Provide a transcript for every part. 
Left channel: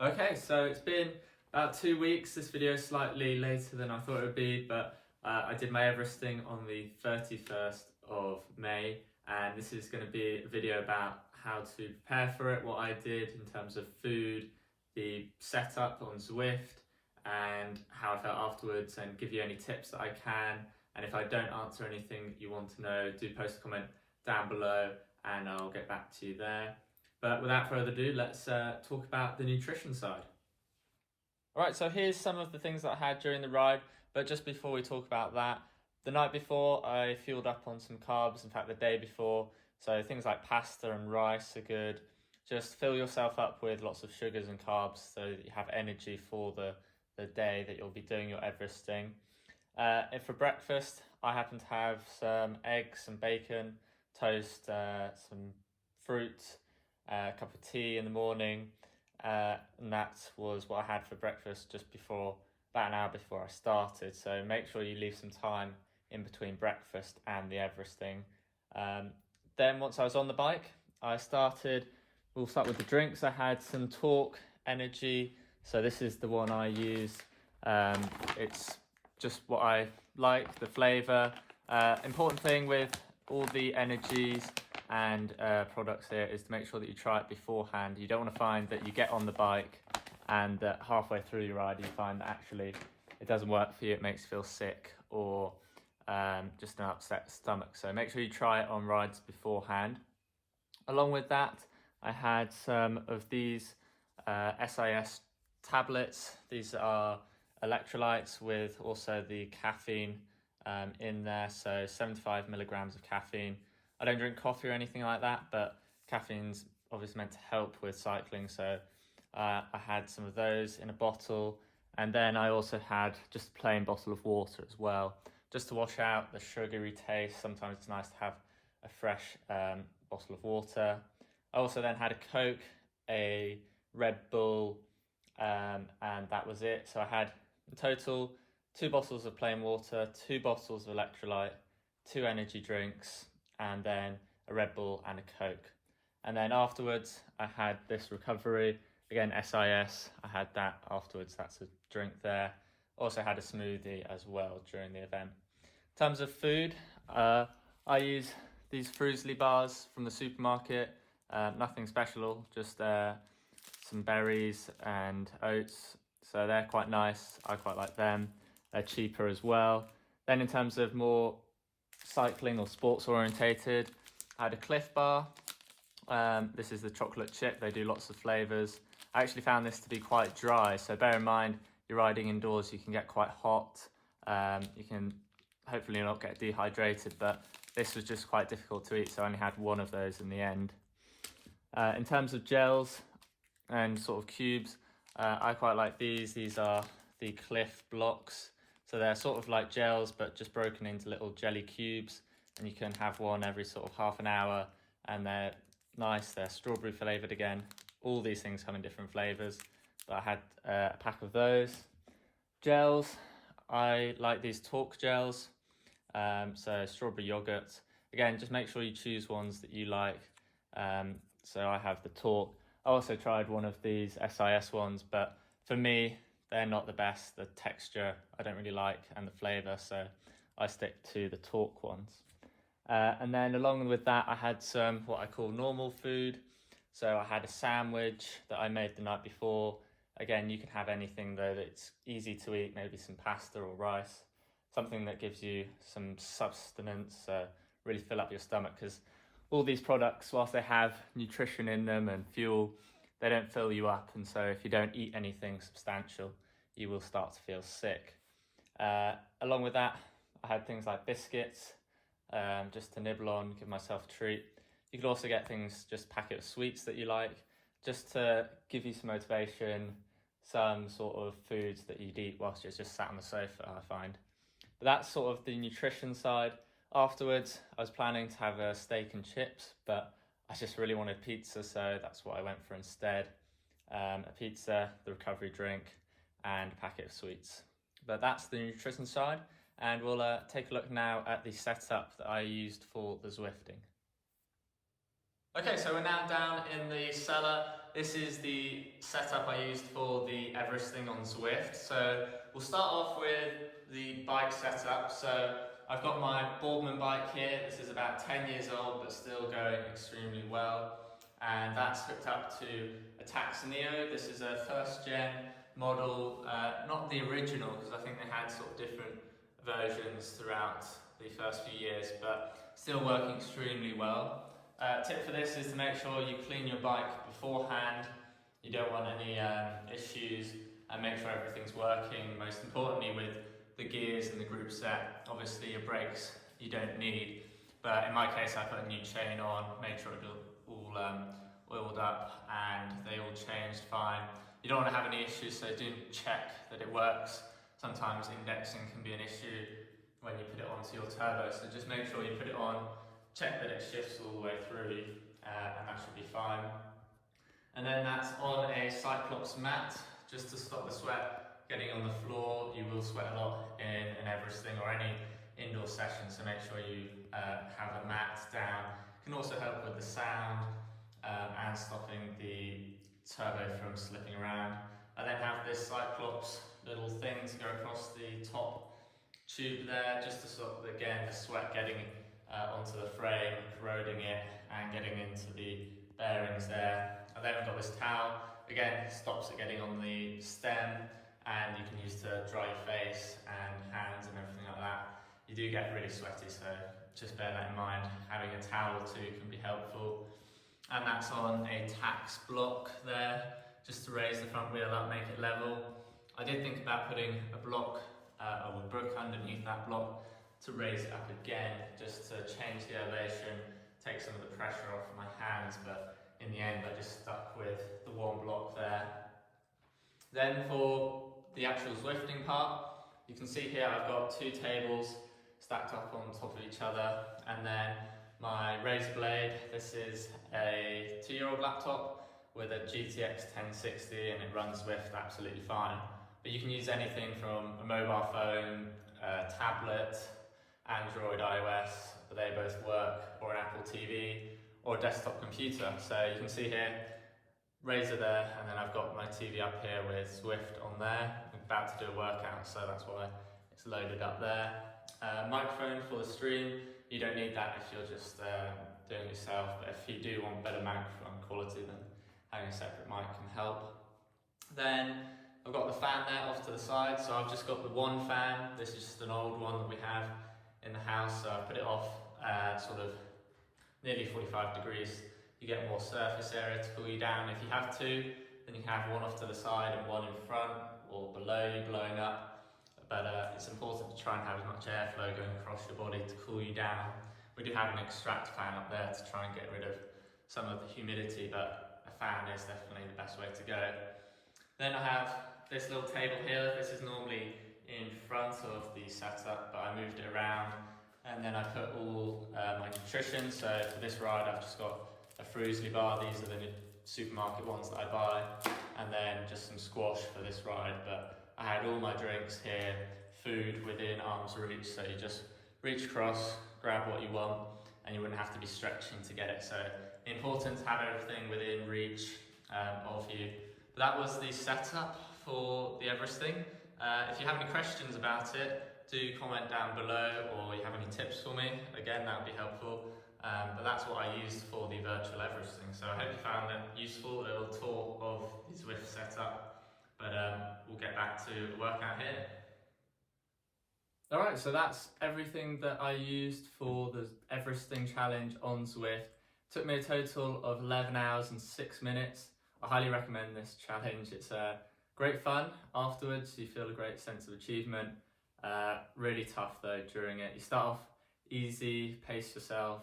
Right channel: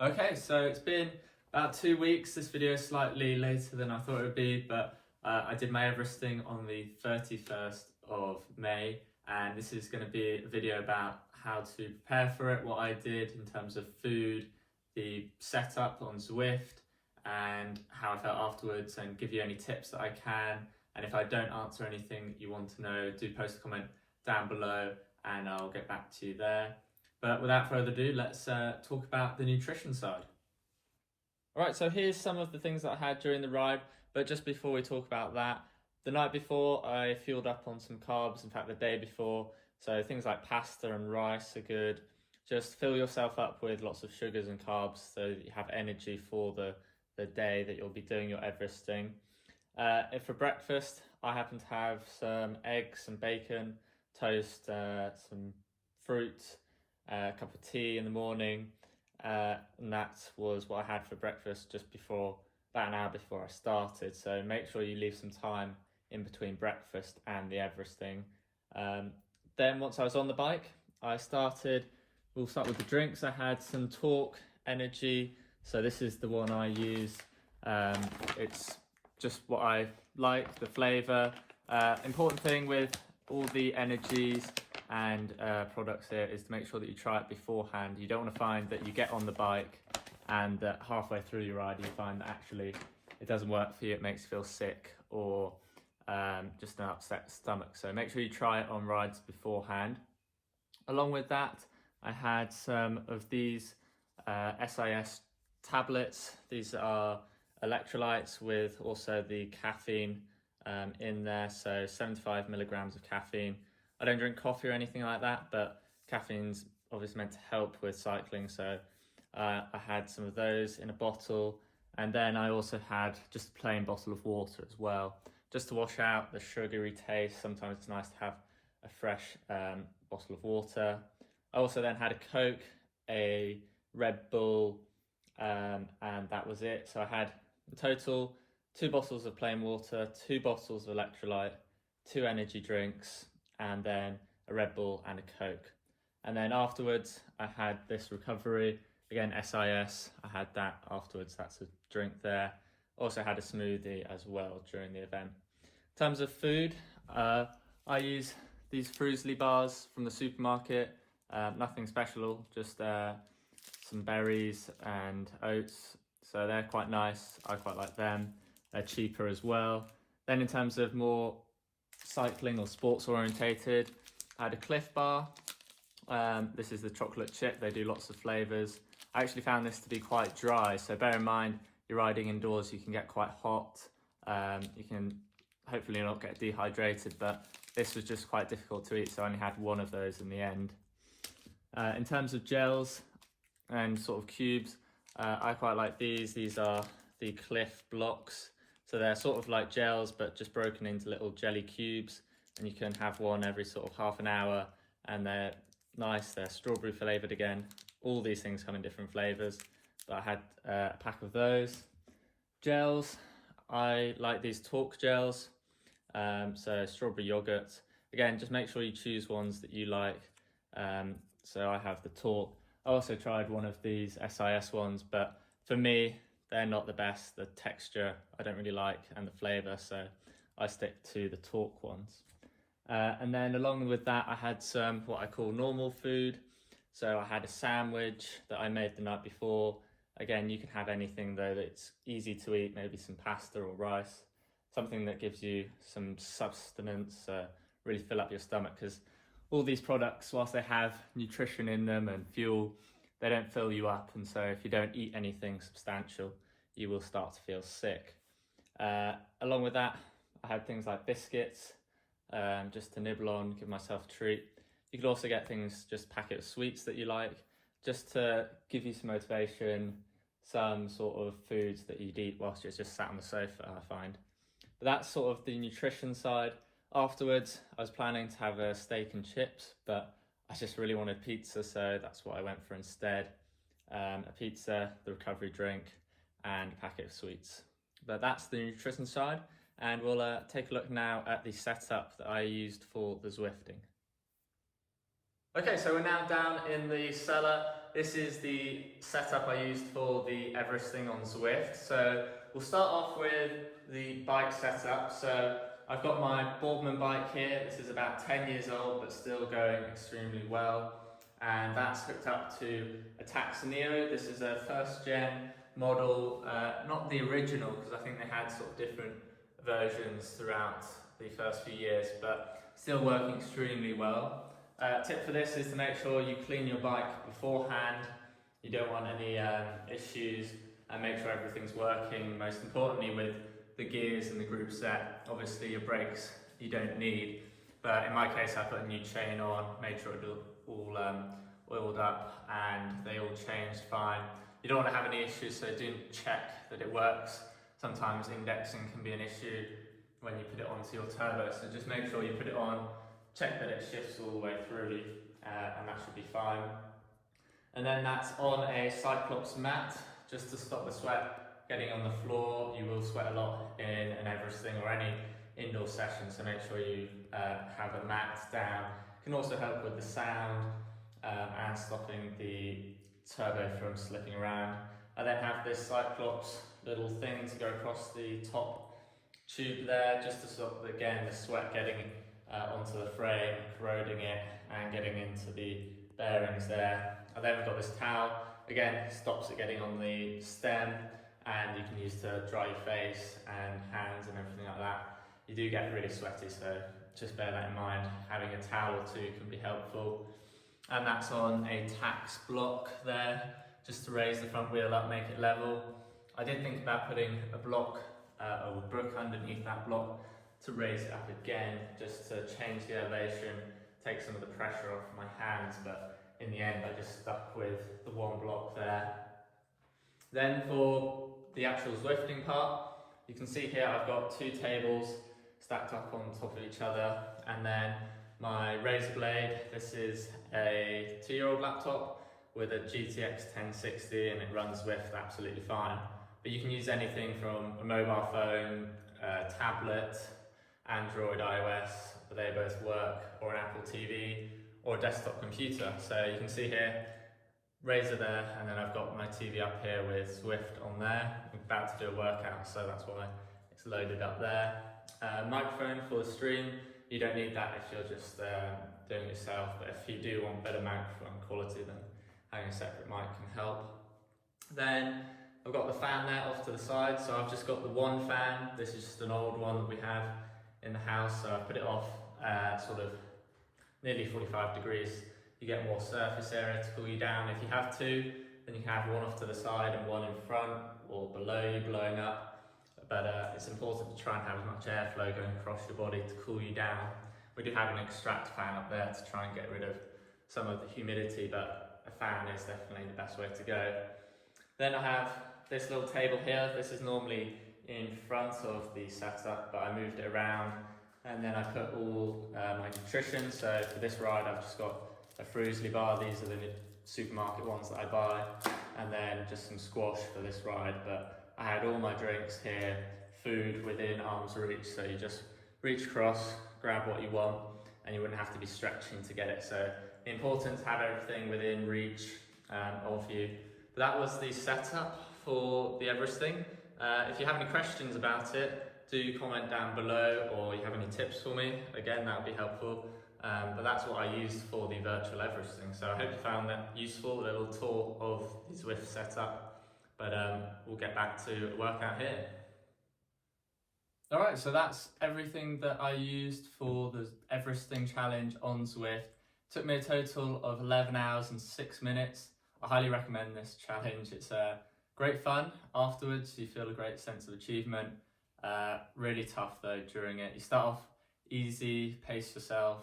Okay, so it's been about 2 weeks. This video is slightly later than I thought it would be, but I did my Everesting on the 31st of May, and this is going to be a video about how to prepare for it, what I did in terms of food, the setup on Zwift, and how I felt afterwards, and give you any tips that I can. And if I don't answer anything that you want to know, do post a comment down below and I'll get back to you there. But without further ado, let's talk about the nutrition side. All right, so here's some of the things that I had during the ride. But just before we talk about that, the night before I fueled up on some carbs, in fact the day before. So things like pasta and rice are good. Just fill yourself up with lots of sugars and carbs so that you have energy for the day that you'll be doing your Everesting. If for breakfast, I happen to have some eggs, some bacon, toast, some fruit, a cup of tea in the morning, and that was what I had for breakfast just before, about an hour before I started. So make sure you leave some time in between breakfast and the Everesting. Then once I was on the bike, we'll start with the drinks. I had some Talk Energy. So this is the one I use. It's just what I like, the flavour. Important thing with all the energies and products here is to make sure that you try it beforehand. You don't want to find that you get on the bike and that halfway through your ride you find that actually it doesn't work for you, it makes you feel sick or just an upset stomach. So make sure you try it on rides beforehand. Along with that, I had some of these SIS tablets. These are electrolytes with also the caffeine in there, so 75 milligrams of caffeine. I don't drink coffee or anything like that, but caffeine's obviously meant to help with cycling, so I had some of those in a bottle, and then I also had just a plain bottle of water as well, just to wash out the sugary taste. Sometimes it's nice to have a fresh bottle of water. I also then had a Coke, a Red Bull, and that was it. So I had in total 2 bottles of plain water, 2 bottles of electrolyte, 2 energy drinks, and then a Red Bull and a Coke. And then afterwards, I had this recovery, again SIS, I had that afterwards, that's a drink there. Also had a smoothie as well during the event. In terms of food, I use these Fruisley bars from the supermarket, nothing special, just some berries and oats. So they're quite nice, I quite like them. They're cheaper as well. Then in terms of more cycling or sports orientated, I had a Cliff bar. This is the chocolate chip, they do lots of flavours. I actually found this to be quite dry, so bear in mind you're riding indoors, you can get quite hot. You can hopefully not get dehydrated, but this was just quite difficult to eat, so I only had one of those in the end. In terms of gels and sort of cubes, I quite like these. These are the Cliff blocks. So they're sort of like gels, but just broken into little jelly cubes. And you can have one every sort of half an hour. And they're nice, they're strawberry flavoured again. All these things come in different flavours. But I had a pack of those. Gels, I like these Talk gels. So strawberry yogurt. Again, just make sure you choose ones that you like. So I have the Talk. I also tried one of these SIS ones, but for me, they're not the best. The texture I don't really like and the flavour, so I stick to the Talk ones. And then along with that, I had some what I call normal food. So I had a sandwich that I made the night before. Again, you can have anything though that's easy to eat, maybe some pasta or rice, something that gives you some sustenance, really fill up your stomach, because all these products, whilst they have nutrition in them and fuel, they don't fill you up. And so if you don't eat anything substantial, you will start to feel sick. Along with that, I had things like biscuits, just to nibble on, give myself a treat. You could also get things, just a packet of sweets that you like, just to give you some motivation, some sort of foods that you'd eat whilst you're just sat on the sofa, I find. But that's sort of the nutrition side. Afterwards, I was planning to have a steak and chips, but I just really wanted pizza, so that's what I went for instead. A pizza, the recovery drink, and a packet of sweets. But that's the nutrition side, and we'll take a look now at the setup that I used for the Zwifting. Okay, so we're now down in the cellar. this is the setup I used for the Everesting on Zwift. So we'll start off with the bike setup. So I've got my Boardman bike here. This is about 10 years old, but still going extremely well. And that's hooked up to a Taxoneo. This is a first gen model, not the original, because I think they had sort of different versions throughout the first few years, but still working extremely well. Tip for this is to make sure you clean your bike beforehand. You don't want any issues, and make sure everything's working. Most importantly with the gears and the group set. Obviously your brakes you don't need, but in my case I put a new chain on, made sure it all oiled up and they all changed fine. You don't want to have any issues, so do check that it works. Sometimes indexing can be an issue when you put it onto your turbo, so just make sure you put it on, check that it shifts all the way through, and that should be fine. And then that's on a Cyclops mat, just to stop the sweat getting on the floor. You will sweat a lot in an Everesting or any indoor session, so make sure you have a mat down. It can also help with the sound and stopping the turbo from slipping around. I then have this Cyclops little thing to go across the top tube there, just to stop, again, the sweat getting onto the frame, corroding it and getting into the bearings there. I then got this towel, again, stops it getting on the stem, and you can use to dry your face and hands and everything like that. You do get really sweaty, so just bear that in mind. Having a towel or two can be helpful. And that's on a tax block there, just to raise the front wheel up, make it level. I did think about putting a block or a brook underneath that block to raise it up again, just to change the elevation, take some of the pressure off my hands, but in the end I just stuck with the one block there. Then for the actual Zwifting part, you can see here I've got two tables stacked up on top of each other, and then my razor blade. This is a 2-year-old laptop with a GTX 1060 and it runs Zwift absolutely fine. But you can use anything from a mobile phone, tablet, Android, iOS, they both work, or an Apple TV, or a desktop computer. So you can see here, razor there, and then I've got my TV up here with Zwift on there. I'm about to do a workout, so that's why it's loaded up there. Microphone for the stream. You don't need that if you're just doing it yourself, but if you do want better microphone quality, then having a separate mic can help. Then I've got the fan there off to the side, so I've just got the one fan. This is just an old one that we have in the house, so I've put it off sort of nearly 45 degrees. You get more surface area to cool you down. If you have two, then you have one off to the side and one in front or below you blowing up. But it's important to try and have as much airflow going across your body to cool you down. We do have an extract fan up there to try and get rid of some of the humidity, but a fan is definitely the best way to go. Then I have this little table here. This is normally in front of the setup, but I moved it around, and then I put all my nutrition. So for this ride I've just got a Fruisley bar. These are the supermarket ones that I buy, and then just some squash for this ride. But I had all my drinks here, food within arm's reach, so you just reach across, grab what you want, and you wouldn't have to be stretching to get it. So important to have everything within reach of you. But that was the setup for the Everesting. If you have any questions about it, do comment down below, or you have any tips for me, again that would be helpful. But that's what I used for the virtual Everesting. So I hope you found that useful, a little tour of the Zwift setup. But we'll get back to the workout here. Alright, so that's everything that I used for the Everesting challenge on Zwift. Took me a total of 11 hours and 6 minutes. I highly recommend this challenge. It's great fun. Afterwards, you feel a great sense of achievement. Really tough though during it. You start off easy, pace yourself.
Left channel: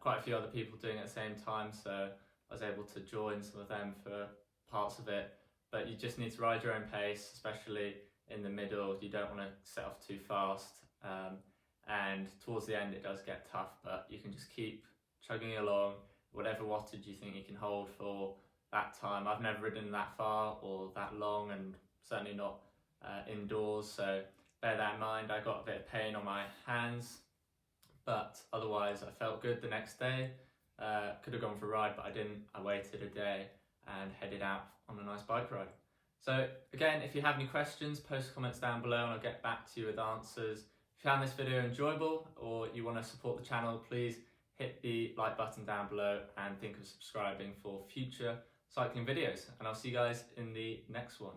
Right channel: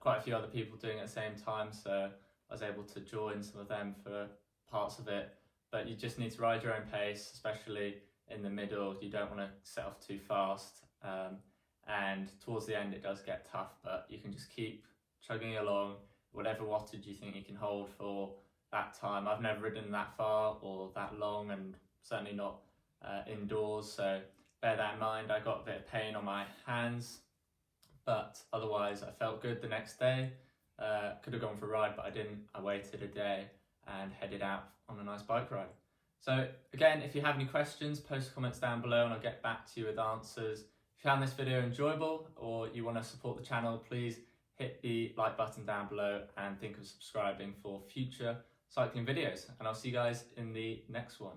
Quite a few other people doing it at the same time, so I was able to join some of them for parts of it. But you just need to ride your own pace, especially in the middle. You don't want to set off too fast. And towards the end it does get tough, but you can just keep chugging along, whatever wattage you think you can hold for that time. I've never ridden that far or that long, and certainly not indoors, so bear that in mind. I got a bit of pain on my hands, but otherwise I felt good the next day. Could have gone for a ride, but I didn't. I waited a day, and headed out on a nice bike ride. So again, if you have any questions, post comments down below and I'll get back to you with answers. If you found this video enjoyable or you want to support the channel, please hit the like button down below and think of subscribing for future cycling videos. And I'll see you guys in the next one.